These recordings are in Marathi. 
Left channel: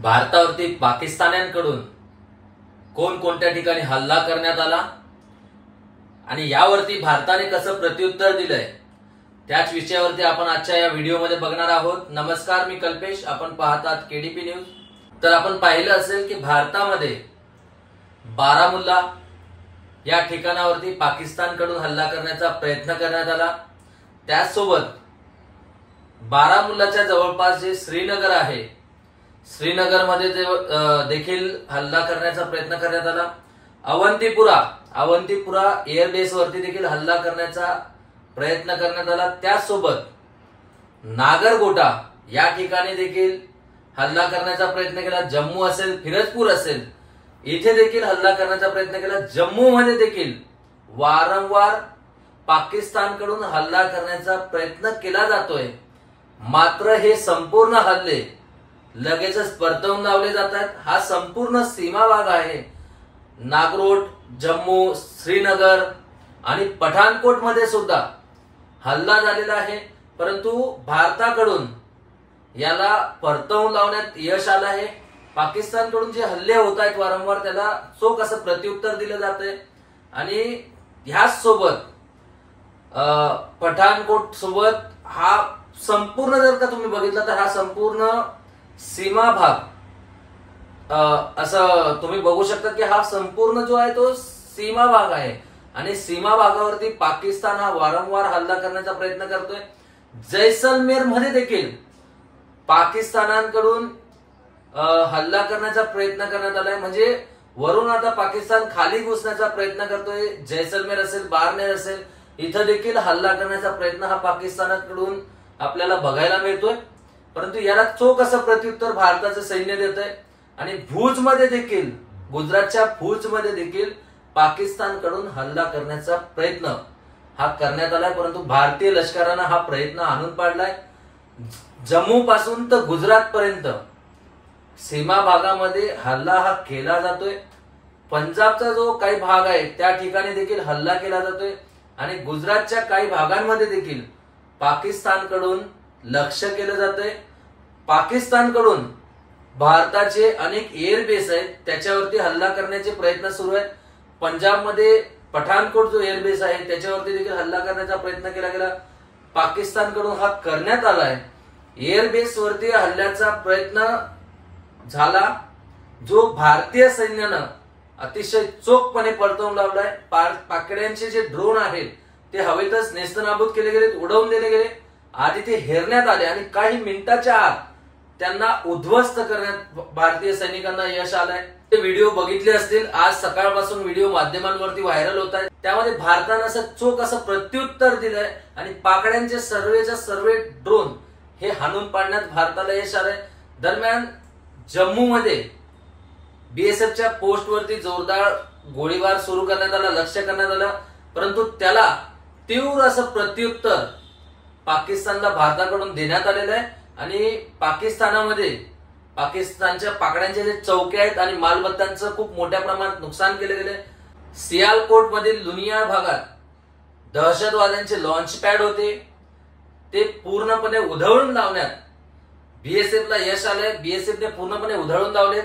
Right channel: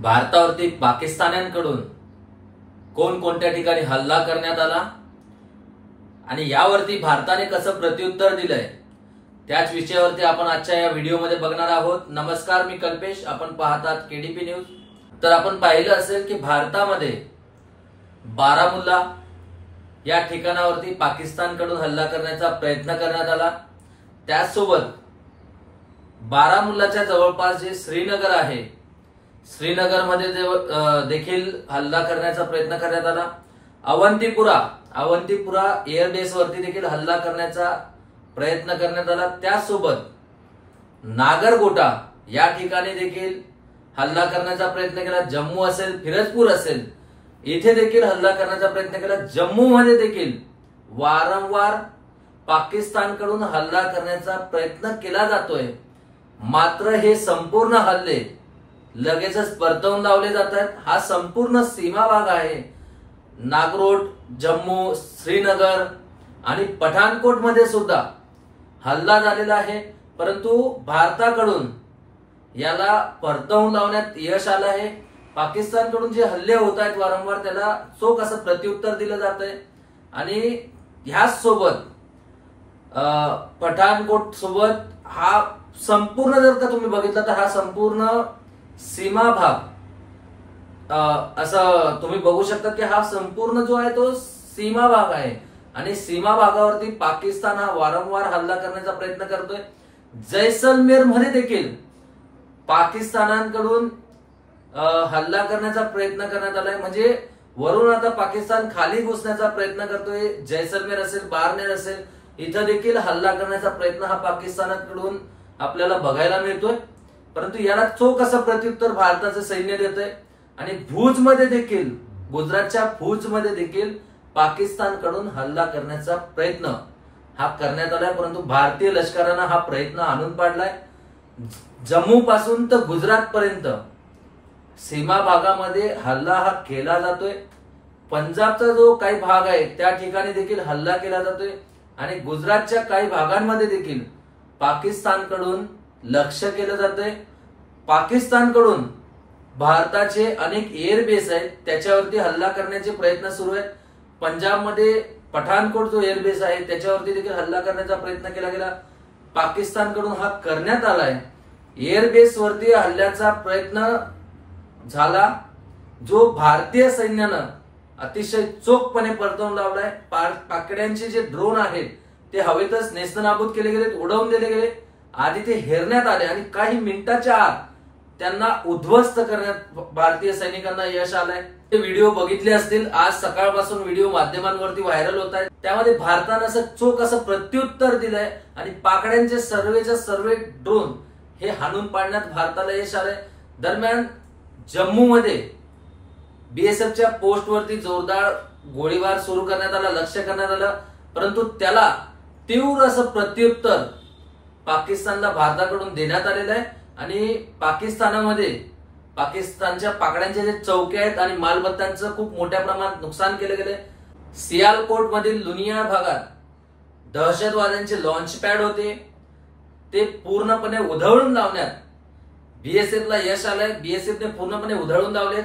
भारतावरती पाकिस्तान्यांकडून कोणकोणत्या ठिकाणी हल्ला करण्यात आला आणि यावरती भारताने कसं प्रत्युत्तर दिलंय त्याच विषयावरती आपण आजच्या या व्हिडिओमध्ये बघणार आहोत। नमस्कार, मी कल्पेश, आपण पाहतात केडीपी न्यूज। तर आपण पाहिलं असेल की भारतामध्ये बारामुल्ला या ठिकाणावरती पाकिस्तानकडून हल्ला करण्याचा प्रयत्न करण्यात आला। त्याचसोबत बारामुल्लाच्या जवळपास जे श्रीनगर आहे, श्रीनगरमध्ये देखील हल्ला करण्याचा प्रयत्न करण्यात आला। अवंतीपुरा एअरबेस वरती देखील हल्ला करण्याचा प्रयत्न करण्यात आला। त्यासोबत नागरगोटा या ठिकाणी देखील हल्ला करण्याचा प्रयत्न केला। जम्मू असेल, फिरोजपूर असेल, इथे देखील हल्ला करण्याचा प्रयत्न केला। जम्मू मध्ये देखील वारंवार पाकिस्तानकडून हल्ला करण्याचा प्रयत्न केला जातोय, मात्र हे संपूर्ण हल्ले लगेचच परतवून लावले जात आहेत। हा संपूर्ण सीमा भाग आहे। नागरोट, जम्मू, श्रीनगर आणि पठाणकोट मध्ये सुद्धा हल्ला झालेला आहे, परंतु भारताकडून याला परतवून लावण्यात यश आलं आहे। पाकिस्तानकडून जे हल्ले होत आहेत वारंवार, त्याला चोख असं प्रत्युत्तर दिलं जात आहे। आणि ह्याच सोबत पठाणकोट सोबत हा संपूर्ण, जर का तुम्ही बघितलं तर हा संपूर्ण सीमा भाग असं तुम्ही बघू शकता की हा संपूर्ण जो आहे तो सीमा भाग आहे। आणि सीमा भागावरती पाकिस्तान हा वारंवार हल्ला करण्याचा प्रयत्न करतोय। जैसलमेर मध्ये देखील पाकिस्तानाकडून हल्ला करण्याचा प्रयत्न करण्यात आलाय। म्हणजे वरून आता पाकिस्तान खाली घुसण्याचा प्रयत्न करतोय। जैसलमेर असेल, बारनेर असेल, इथं देखील हल्ला करण्याचा प्रयत्न हा पाकिस्तानाकडून आपल्याला बघायला मिळतोय, परंतु याला चोख असं प्रत्युत्तर भारताचं सैन्य देतंय। आणि भुजमध्ये देखील, गुजरातच्या भुजमध्ये देखील पाकिस्तानकडून हल्ला करण्याचा प्रयत्न हा करण्यात आलाय, परंतु भारतीय लष्करानं हा प्रयत्न आणून पाडलाय। जम्मू पासून तर गुजरात पर्यंत सीमा भागामध्ये हल्ला हा केला जातोय। पंजाबचा जो काही भाग आहे त्या ठिकाणी देखील हल्ला केला जातोय आणि गुजरातच्या काही भागांमध्ये देखील पाकिस्तानकडून लक्ष केलं जातंय। पाकिस्तानकडून भारताचे अनेक एअरबेस आहेत त्याच्यावरती हल्ला करण्याचे प्रयत्न सुरू आहेत। पंजाबमध्ये पठाणकोट जो एअरबेस आहे त्याच्यावरती देखील हल्ला करण्याचा प्रयत्न केला गेला, पाकिस्तानकडून हा करण्यात आलाय। एअरबेस वरती हल्ल्याचा प्रयत्न झाला, जो भारतीय सैन्यानं अतिशय चोखपणे परतवून लावलाय। पाकड्यांचे जे ड्रोन आहेत ते हवेतच नेस्तनाबूत केले गेले, उडवून दिले गेले। आधी ते हेरण्यात आले आणि काही मिनिटाच्या आत त्यांना उद्ध्वस्त करण्यात भारतीय सैनिकांना यश आलंय। ते व्हिडिओ बघितले असतील, आज सकाळपासून व्हिडिओ माध्यमांवरती व्हायरल होत आहेत। त्यामध्ये भारतानं असं चोख असं प्रत्युत्तर दिलंय आणि पाकड्यांचे सर्वेच्या सर्व ड्रोन हे हाणून पाडण्यात भारताला यश आलंय। दरम्यान जम्मू मध्ये बीएसएफच्या पोस्ट वरती जोरदार गोळीबार सुरू करण्यात आला, लक्ष करण्यात आलं, परंतु त्याला तीव्र असं प्रत्युत्तर पाकिस्तानला भारताकडून देण्यात आलेलं आहे। आणि पाकिस्तानामध्ये पाकिस्तानच्या पाकड्यांचे जे चौके आहेत आणि मालमत्तांचं खूप मोठ्या प्रमाणात नुकसान केलं गेलं। सियालकोट मधील लुनिया भागात दहशतवाद्यांचे लॉन्च पॅड होते, ते पूर्णपणे उधळून लावण्यात बीएसएफला यश आलंय। बीएसएफने पूर्णपणे उधळून लावलेत।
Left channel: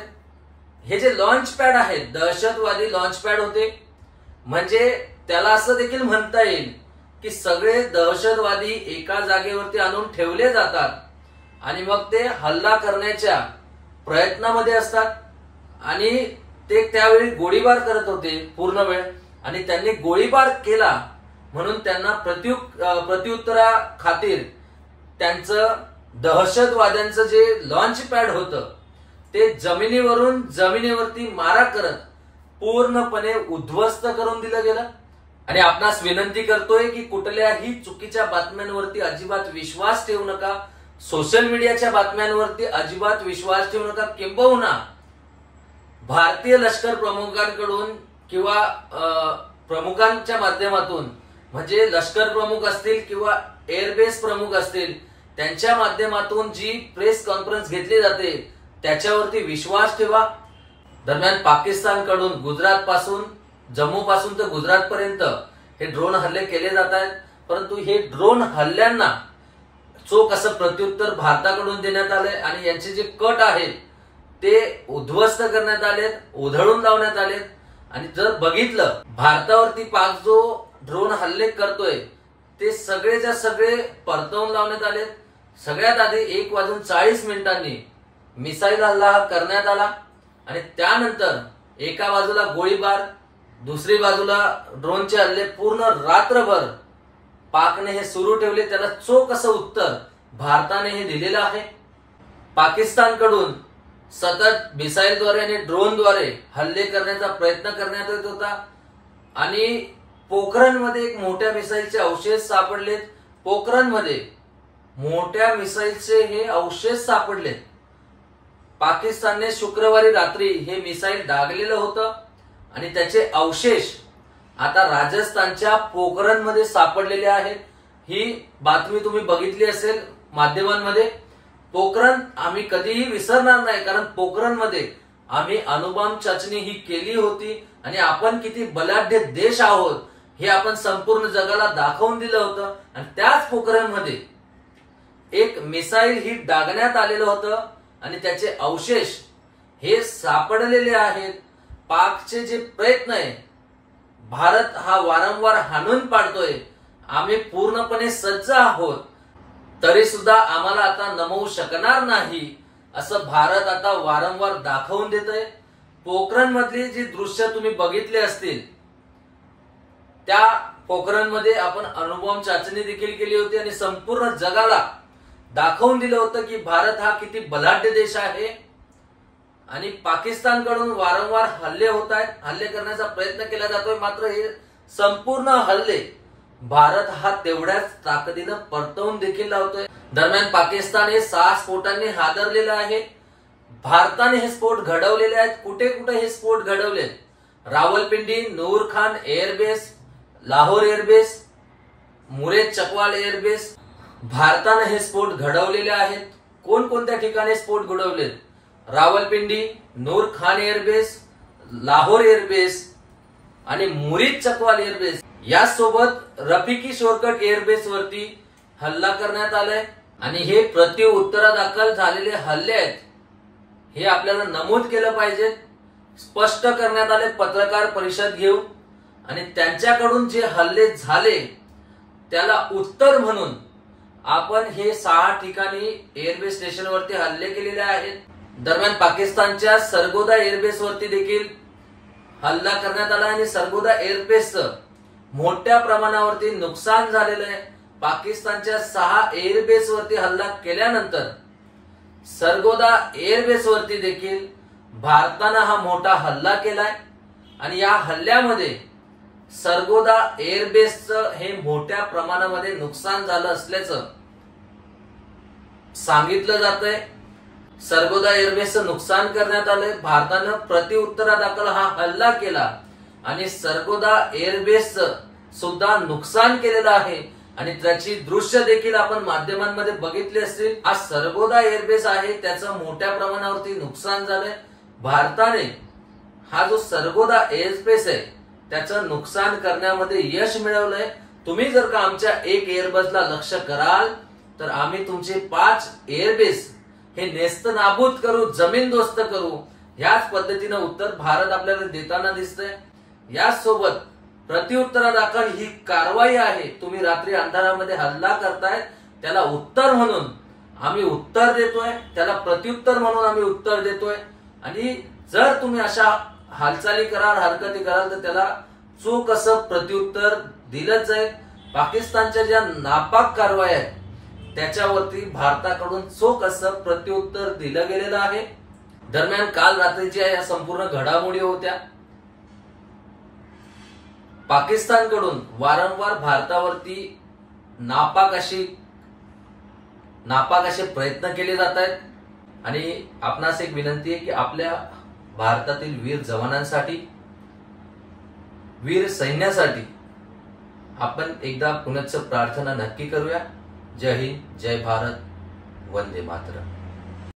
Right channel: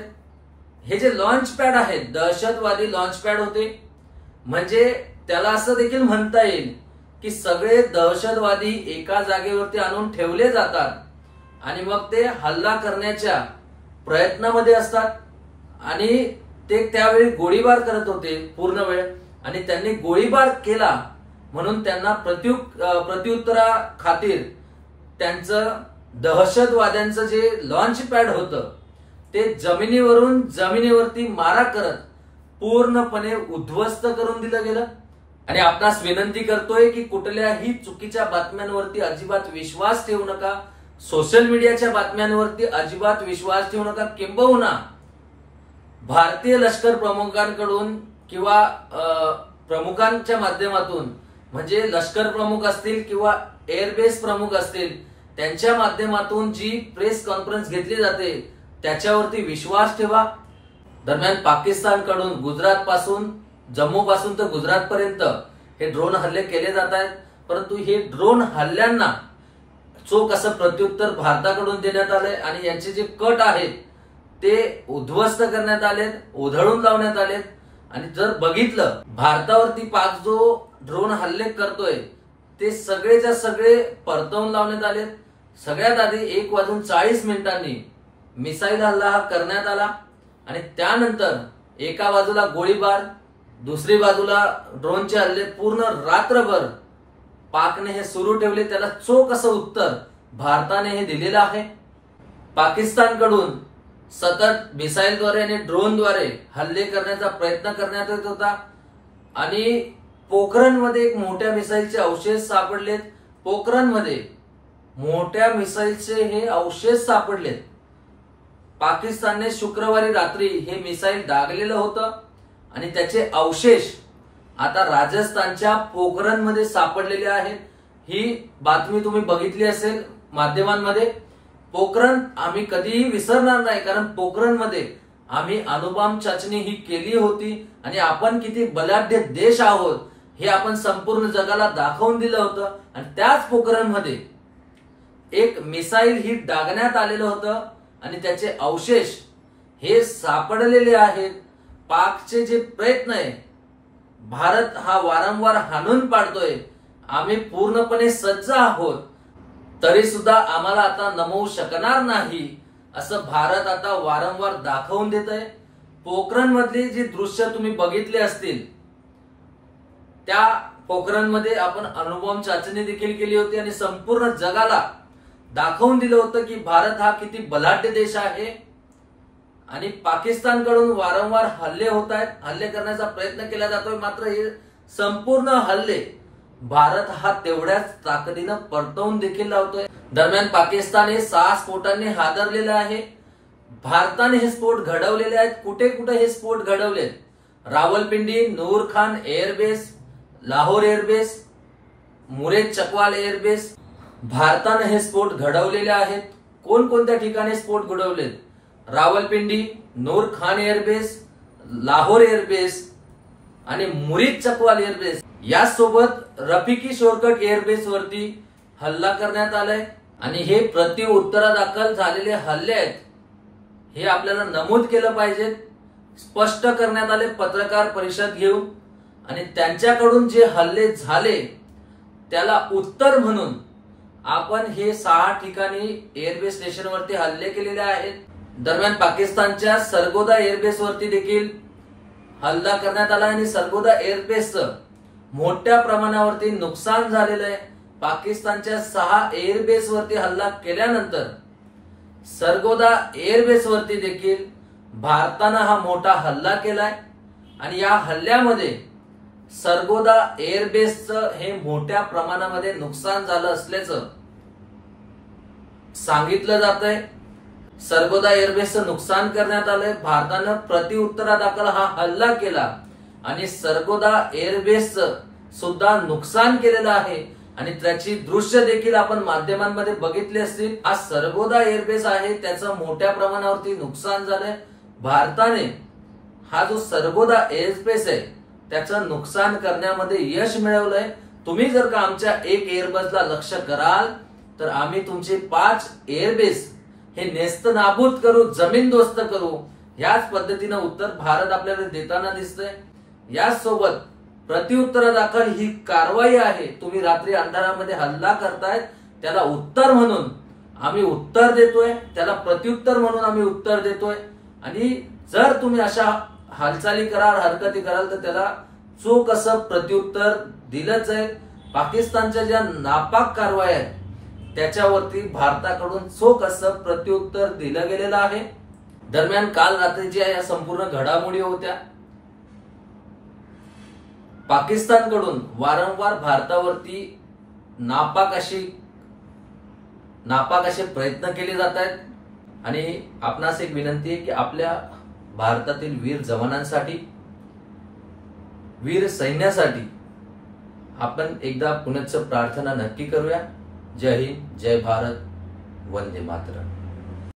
हे जे लॉन्च पॅड आहेत, दहशतवादी लॉन्च पॅड होते, म्हणजे त्याला असं देखील म्हणता येईल की सगळे दहशतवादी एका जागेवरती आणून ठेवले जातात आणि मग ते हल्ला करण्याच्या प्रयत्नामध्ये असतात। आणि ते त्यावेळी गोळीबार करत होते पूर्ण वेळ, आणि त्यांनी गोळीबार केला म्हणून त्यांना प्रत्युत्तरा खातीर त्यांचं दहशतवाद्यांचं जे लॉन्च पॅड होतं ते जमिनीवरती मारा करत पूर्णपणे उद्ध्वस्त करून दिलं गेलं। आणि आपणास विनंती करतोय की कुठल्याही चुकीच्या बातम्यांवरती अजिबात विश्वास ठेवू नका। सोशल मीडियाच्या बातम्यांवरती अजिबात विश्वास ठेवू नका। किंबहुना भारतीय लष्कर प्रमुखांकडून किंवा प्रमुखांच्या माध्यमातून, म्हणजे लष्कर प्रमुख असतील किंवा एअरबेस प्रमुख असतील, त्यांच्या माध्यमातून जी प्रेस कॉन्फरन्स घेतली जाते त्याच्यावरती विश्वास ठेवा। दरम्यान पाकिस्तानकडून गुजरात पासून, जम्मू पासून तर गुजरात पर्यंत हे ड्रोन हल्ले केले जात आहेत, परंतु हे ड्रोन हल्ल्यांना चोख असं प्रत्युत्तर भारताकडून देण्यात आलंय आणि यांचे जे कट आहेत ते उद्ध्वस्त करण्यात आलेत, उधळून लावण्यात आलेत। आणि जर बघितलं भारतावरती पाक जो ड्रोन हल्ले करतोय ते सगळेच्या सगळे परतवून लावण्यात आलेत। सगळ्यात आधी 1:40 मिसाईल हल्ला हा करण्यात आला आणि त्यानंतर एका बाजूला गोळीबार, दुसरी बाजूला ड्रोनचे हल्ले पूर्ण रात्रभर पाकने हे सुरू ठेवले। त्याला चोख असं उत्तर भारताने हे दिलेलं आहे। पाकिस्तानकडून सतत मिसाईलद्वारे आणि ड्रोनद्वारे हल्ले करण्याचा प्रयत्न करण्यात येत होता आणि पोखरणमध्ये एक मोठ्या मिसाईलचे अवशेष सापडलेत। पोखरणमध्ये मोठ्या मिसाईलचे हे अवशेष सापडलेत। पाकिस्तानने शुक्रवारी रात्री हे मिसाईल डागलेलं होतं आणि त्याचे अवशेष आता राजस्थानच्या पोखरणमध्ये सापडलेले आहेत। ही बातमी तुम्ही बघितली असेल माध्यमांमध्ये। पोखरण आम्ही कधीही विसरणार नाही, कारण पोखरणमध्ये आम्ही अणुबॉम्ब चाचणी ही केली होती आणि आपण किती बलाढ्य देश आहोत हे आपण संपूर्ण जगाला दाखवून दिलं होतं। आणि त्याच पोखरणमध्ये एक मिसाईल ही डागण्यात आलेलं होतं आणि त्याचे अवशेष हे सापडलेले आहेत। पाकचे जे प्रयत्न आहे, भारत हा वारंवार हाणून पाडतोय, आम्ही पूर्णपणे सज्ज आहोत, तरी सुद्धा आम्हाला आता नमवू शकणार नाही असं भारत आता वारंवार दाखवून देत आहे। पोखरणमधली जी दृश्य तुम्ही बघितली असतील, त्या पोखरणमध्ये आपण अणुबॉम्ब चाचणी देखील केली होती आणि संपूर्ण जगाला दाखवून दिलं होतं की भारत हा किती बलाढ्य देश आहे। आणि पाकिस्तानकडून वारंवार हल्ले होत आहेत, हल्ले करण्याचा प्रयत्न केला जातोय, मात्र हे संपूर्ण हल्ले भारत हा तेवढ्याच ताकदीनं परतवून देखील लावतोय। दरम्यान पाकिस्तान हे 6 स्फोटांनी हादरलेलं आहे। भारताने हे स्फोट घडवलेले आहेत। कुठे कुठे हे स्फोट घडवलेत? Rawalpindi, Nur Khan airbase, Lahore airbase, Murid Chakwal airbase, भारताने हे स्फोट घडवलेले आहेत। कोणकोणत्या ठिकाणी स्फोट घडवलेत? रावलपिंडी, नूर खान एअरबेस, लाहोर एअरबेस आणि मुरीद चकवाल एअरबेस यासोबत रफिकी शोरकट एअरबेस वरती हल्ला करण्यात आलाय आणि हे प्रत्युत्तरादाखल झालेले हल्ले आहेत हे आपल्याला नमूद केलं पाहिजे। स्पष्ट करण्यात आले पत्रकार परिषद घेऊन आणि त्यांच्याकडून जे हल्ले झाले त्याला उत्तर म्हणून आपण हे 6 ठिकाणी एअरबेस स्टेशनवरती हल्ले केलेले आहेत। दरम्यान पाकिस्तानच्या सरगोदा एअरबेस वरती देखील हल्ला करण्यात आला आणि सरगोदा एअरबेसचं मोठ्या प्रमाणावरती नुकसान झालेलं आहे। पाकिस्तानच्या 6 एअरबेस वरती हल्ला केल्यानंतर सरगोदा एअरबेस वरती देखील भारतानं हा मोठा हल्ला केलाय आणि या हल्ल्यामध्ये सरगोदा एअरबेसचं हे मोठ्या प्रमाणामध्ये नुकसान झालं असल्याचं सांगितलं जातंय। सरगोदा एअरबेसचं नुकसान करण्यात आलंय। भारतानं प्रत्युत्तरादाखल हा हल्ला केला आणि सरगोदा एअरबेसचं सुद्धा नुकसान केलेलं आहे आणि त्याची दृश्य देखील आपण माध्यमांमध्ये बघितली असतील। हा सरगोदा एअरबेस आहे, त्याचं मोठ्या प्रमाणावरती नुकसान झालंय। भारताने हा जो सरगोदा एअरबेस आहे त्याचं नुकसान करण्यामध्ये यश मिळवलंय। तुम्ही जर का आमच्या एक एअरबेसला लक्ष्य कराल तर आम्ही तुमचे 5 एअरबेस हे नेस्तनाबूत करू, जमीनदोस्त करू, याच पद्धतीनं उत्तर भारत आपल्याला देताना दिसतंय। यासोबत प्रत्युत्तरादाखल ही कारवाई आहे। तुम्ही रात्री अंधारामध्ये हल्ला करतायत, त्याला उत्तर म्हणून आम्ही उत्तर देतोय, त्याला प्रत्युत्तर म्हणून आम्ही उत्तर देतोय आणि जर तुम्ही अशा हालचाली कराल, हरकती कराल तर त्याला चोख असं प्रत्युत्तर दिलंच जाईल। पाकिस्तानच्या ज्या नापाक कारवाई आहेत त्याच्यावरती भारताकडून चोख असं प्रत्युत्तर दिलं गेलेलं आहे। दरम्यान काल रात्रीच्या या संपूर्ण घडामोडी होत्या। पाकिस्तानकडून वारंवार भारतावरती नापाक असे प्रयत्न केले जात आहेत आणि आपणास एक विनंती आहे की आपल्या भारतातील वीर जवानांसाठी, वीर सैन्यासाठी आपण एकदा पुनश्च प्रार्थना नक्की करूया। जय हिंद, जय भारत, वंदे मातरम।